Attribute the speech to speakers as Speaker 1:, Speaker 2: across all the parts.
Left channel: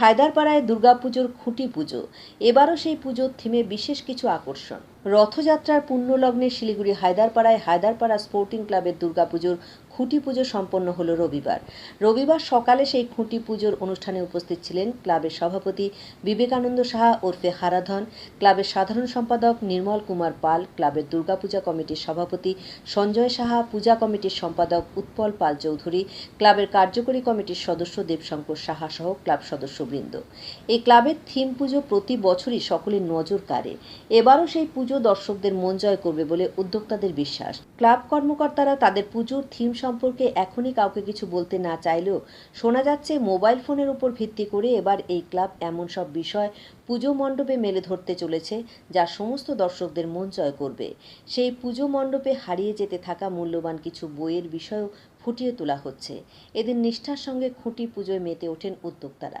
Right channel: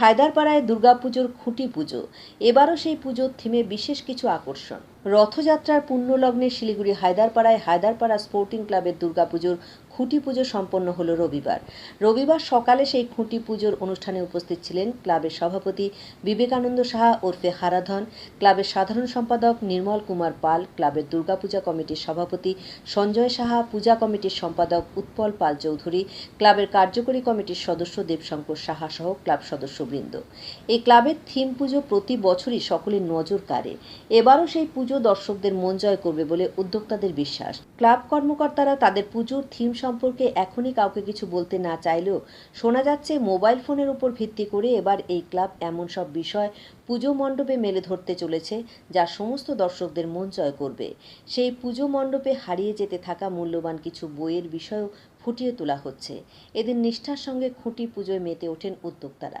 Speaker 1: হায়দারপাড়ায় দুর্গাপুজোর খুঁটি পুজো। এবারও সেই পুজোর থিমে বিশেষ কিছু আকর্ষণ। রথযাত্রার পুণ্যলগ্নে শিলিগুড়ি হায়দারপাড়ায় হায়দারপাড়া স্পোর্টিং ক্লাবের দুর্গাপুজোর খুঁটি পুজো সম্পন্ন হলো রবিবার। রবিবার সকালে সেই খুঁটি পুজোর অনুষ্ঠানে উপস্থিত ছিলেন ক্লাবের সভাপতি বিবেকানন্দ সাহা ওরফে হারাধন, ক্লাবের সাধারণ সম্পাদক নির্মল কুমার পাল, ক্লাবের দুর্গাপূজা কমিটির সভাপতি সঞ্জয় সাহা, পূজা কমিটির সম্পাদক উৎপল পাল চৌধুরী, ক্লাবের কার্যকরী কমিটির সদস্য দেবশঙ্কর সাহা সহ ক্লাব সদস্যবৃন্দ। এই ক্লাবের থিম পুজো প্রতি বছরই সকলের নজর কাড়ে। এবারও সেই পুজো দর্শকদের মন জয় করবে বলে উদ্যোক্তাদের বিশ্বাস। ক্লাব কর্মকর্তারা তাদের পুজোর থিম সম্পর্কে এখনই কাউকে কিছু বলতে না চাইলেও শোনা যাচ্ছে মোবাইল ফোনের উপর ভিত্তি করে এবার এই ক্লাব এমন সব বিষয় পুজো মণ্ডপে মেলে ধরতে চলেছে, যা সমস্ত দর্শকদের মন জয় করবে। সেই পুজো মণ্ডপে হারিয়ে যেতে থাকা মূল্যবান কিছু বইয়ের বিষয়ও ফুটিয়ে তোলা হচ্ছে। এদের নিষ্ঠার সঙ্গে খুঁটি পুজোয় মেতে ওঠেন উদ্যোক্তারা।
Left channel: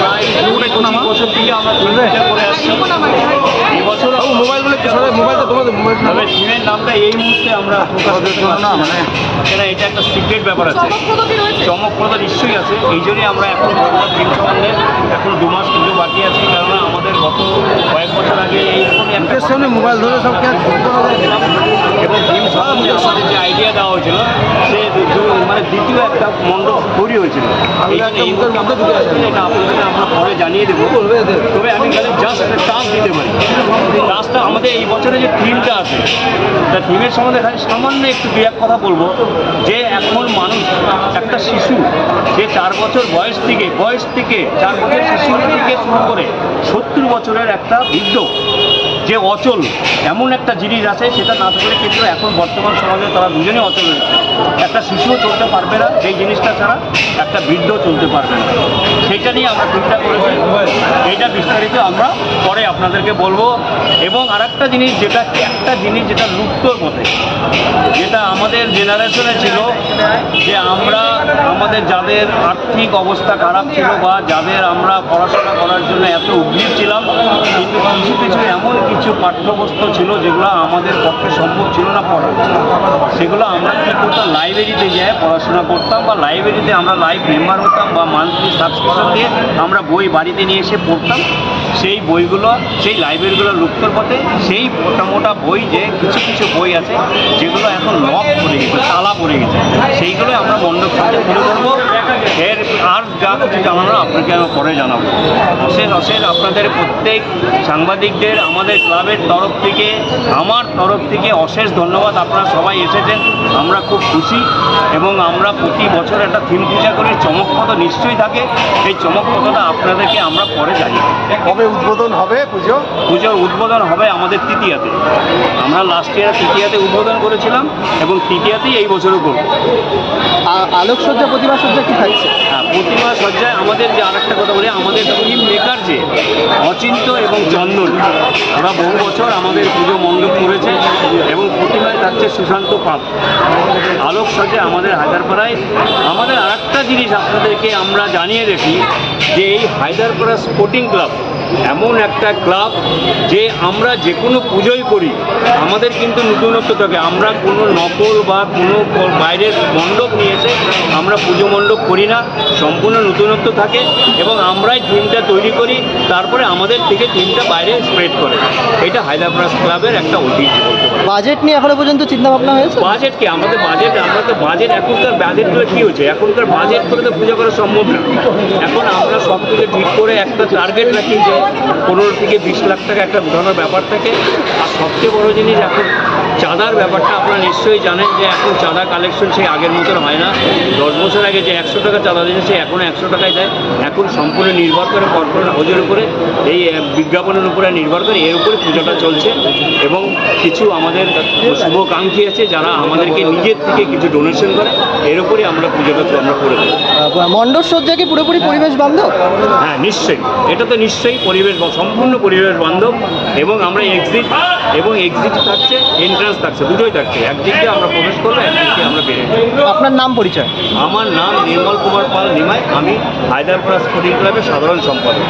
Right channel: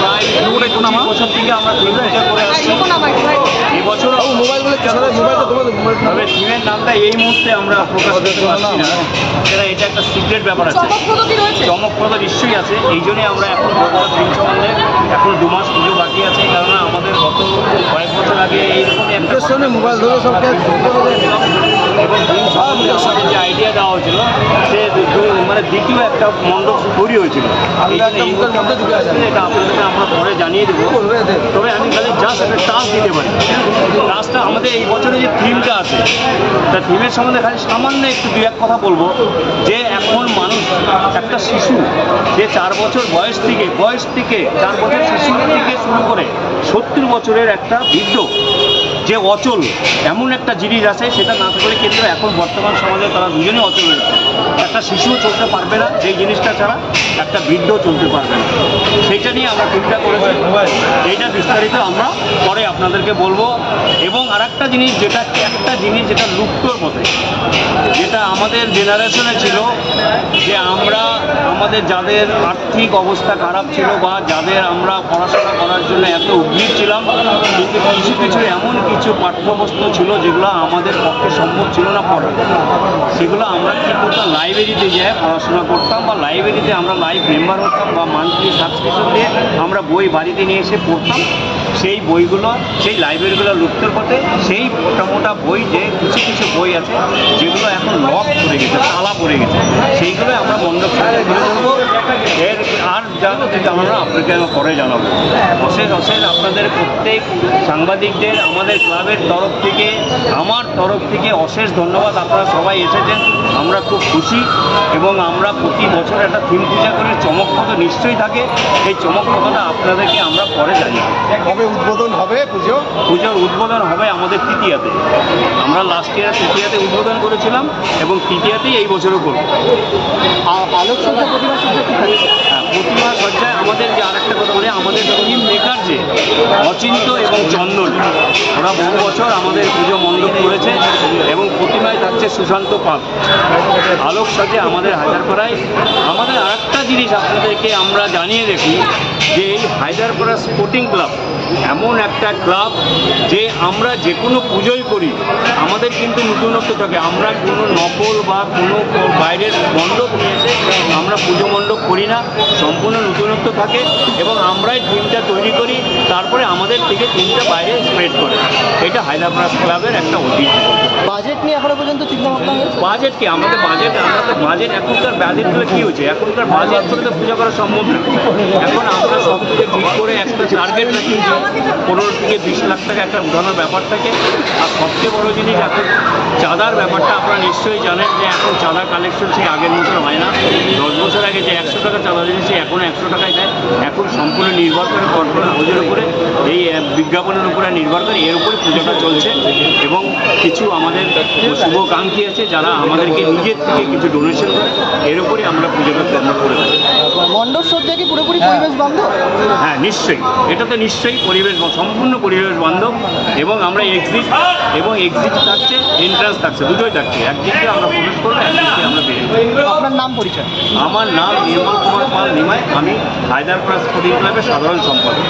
Speaker 2: প্রায় পঁচিশ বছর থেকে আমরা পূজা করে আসছি। বছর
Speaker 3: মোবাইলগুলো তোমাদের মোবাইল
Speaker 2: তবে থিমের নামটা এই মুহূর্তে আমরা প্রকাশ করতে পারছি না। কেন এটা একটা সিক্রেট ব্যাপার আছে। চমকপ্রদ নিশ্চয়ই আছে। এই জন্যই আমরা এখন বলব থিম সম্বন্ধে এখন দু মাস পুজো বাকি আছে কেননা আমাদের গত কয়েক বছর আগে এইরকমই একটা
Speaker 3: সামনে মোবাইল ধরে সব
Speaker 2: এবং থিম সম্বন্ধে আমাদের যে আইডিয়া দেওয়া হয়েছিল সে মানে দ্বিতীয় একটা মণ্ডপ তৈরি হয়েছিল। এই জন্য এই মুহূর্তে আমরা এটা আপনাদেরকে আমরা পরে জানিয়ে দেবো। তবে আমি খালি জাস্ট একটা টাচ দিতে পারি। টাচটা আমাদের এই বছরে যে থিমটা আছে তা থিমের সম্বন্ধে খালি সামান্য একটু দু এক কথা বলব। যে এখন মানুষ একটা শিশু যে চার বছর বয়স থেকে বয়স থেকে চার বছর শিশু থেকে শুরু করে সত্তর বছরের একটা বৃদ্ধ যে অচল, এমন একটা জিনিস আছে, সেটা না থাকলে কিন্তু এখন বর্তমান সমাজে তারা দুজনেই অচল রয়েছে একটা শিশুও চলতে পারবে না সেই জিনিসটা ছাড়া একটা বৃদ্ধ চলতে পারবে না। সেইটা নিয়ে আমরা চিন্তা করেছি। এইটা বিস্তারিত আমরা পরে আপনাদেরকে বলব। এবং আরেকটা জিনিস, যেটা একটা জিনিস যেটা লুপ্তর পথে, যেটা আমাদের জেনারেশনে ছিল, যে আমরা, আমাদের যাদের আর্থিক অবস্থা খারাপ ছিল বা যাদের আমরা পড়াশোনা করার জন্য এত উদ্গ্রীব ছিলাম, কিন্তু কিছু কিছু এমন কিছু পাঠ্যবস্তু ছিল যেগুলো আমাদের পক্ষে সম্ভব ছিল না পড়া। সেগুলো আমরা কী করতাম? লাইব্রেরিতে যেয়ে পড়াশোনা করতাম বা লাইব্রেরিতে আমরা লাইভ মেম্বার হতাম বা মান্থলি সাবস্ক্রিপশন দিয়ে আমরা বই বাড়িতে নিয়ে এসে পড়তাম। সেই বইগুলো, সেই লাইব্রেরিগুলো লুপ্তর পথে সেই মোটা মোটা বই যে কিছু কিছু বই আছে, যেগুলো এখন লক পড়ে গেছে, তালা পড়ে গেছে, সেইগুলো আমরা মণ্ডপ সাথে তুলে ধরবো। এর আর যা কিছু জানানো আপনাকে আমি পরে জানাব। অশেষ অশেষ আপনাদের প্রত্যেক সাংবাদিকদের, আমাদের ক্লাবের তরফ থেকে, আমার তরফ থেকে অশেষ ধন্যবাদ। আপনারা সবাই এসেছেন, আমরা খুব খুশি এবং আমরা প্রতি বছর একটা থিম পূজা করি, চমকপদ নিশ্চয়ই থাকে। সেই চমকপদটা আপনাদেরকে আমরা পরে জানি
Speaker 3: কবে উদ্বোধন হবে পুজো?
Speaker 2: পুজোর উদ্বোধন হবে আমাদের তৃতীয়াতে। আমরা লাস্ট ইয়ার তৃতীয়াতে উদ্বোধন করেছিলাম এবং তৃতীয়াতেই এই বছরও করব।
Speaker 3: আলোকসজ্জা প্রতিমা সজ্জা কি থাকছে?
Speaker 2: হ্যাঁ প্রতিমা সজ্জায় আমাদের যে আরেকটা কথা বলি আমাদের টিম মেকার যে অচিন্ত এবং চন্দন ওরা বহু বছর আমাদের পুজো মণ্ডপ করেছে এবং প্রতিমায় থাকছে সুশান্ত পাল। আলোক সজ্জায় আমাদের হায়দারপাড়ায় আমাদের আরেকটা জিনিস আপনাদেরকে আমরা জানিয়ে রাখি যে এই হায়দারপাড়া স্পোর্টিং ক্লাব এমন একটা ক্লাব যে আমরা যে কোনো পুজোই করি আমাদের কিন্তু নতুনত্ব থাকে। আমরা কোনো নকল বা কোনো বাইরের মণ্ডপ নিয়ে এসে আমরা পুজো মণ্ডপ করি না সম্পূর্ণ নতুনত্ব থাকে এবং আমরাই থিমটা তৈরি করি তারপরে আমাদের থেকে থিমটা বাইরে স্প্রেড করে। এটা হায়দ্রাবাদ ক্লাবের একটা ঐতিহ্য বলতে পারি
Speaker 3: বাজেট নিয়ে এখনও পর্যন্ত চিন্তা ভাবনা হয়েছে?
Speaker 2: বাজেট কি? আমাদের বাজেট আমরা তো বাজেট এখনকার বাজেটগুলো কী হচ্ছে এখনকার বাজেট করে তো পুজো করা সম্ভব না। এখন আমরা সব কিছু ঠিক করে একটা টার্গেট রাখি যে পনেরো থেকে বিশ লাখ টাকা একটা উঠানোর ব্যাপার থাকে। আর সবচেয়ে বড় জিনিস এখন চাঁদার ব্যাপারটা আপনারা নিশ্চয়ই জানেন যে এখন চাঁদা কালেকশন সেই আগের মতন হয় না। দশ বছর আগে যে একশো টাকা চাঁদা দিয়েছে সে এখন একশো টাকায় দেয়। এখন সম্পূর্ণ নির্ভর করে কর্পোরেট হাউজের উপরে এই বিজ্ঞাপনের উপরে নির্ভর করে এর উপরে পুজোটা চলছে। এবং কিছু আমাদের শুভকাঙ্ক্ষী আছে যারা আমাদেরকে নিজের থেকে কিছু ডোনেশন করে এর উপরেই আমরা পুজোটা আমরা করে থাকি।
Speaker 3: মণ্ডপ সজ্জা কি পুরোপুরি পরিবেশ বান্ধব?
Speaker 2: হ্যাঁ নিশ্চয়ই। এটা তো নিশ্চয়ই পরিবেশ সম্পূর্ণ পরিবেশ বান্ধব। এবং আমরা এক্সিট এবং এক্সিট থাকছে এন্ট্রান্স থাকছে দুটোই থাকছে একদিক দিয়ে আমরা প্রবেশ করব একদিক দিয়ে আমরা বেরিয়ে
Speaker 3: আপনার নাম পরিচয়?
Speaker 2: আমার নাম নির্মল কুমার পাল নিমাই। আমি হায়দ্রাবাদ স্পোর্টিং ক্লাবের সাধারণ সম্পাদক।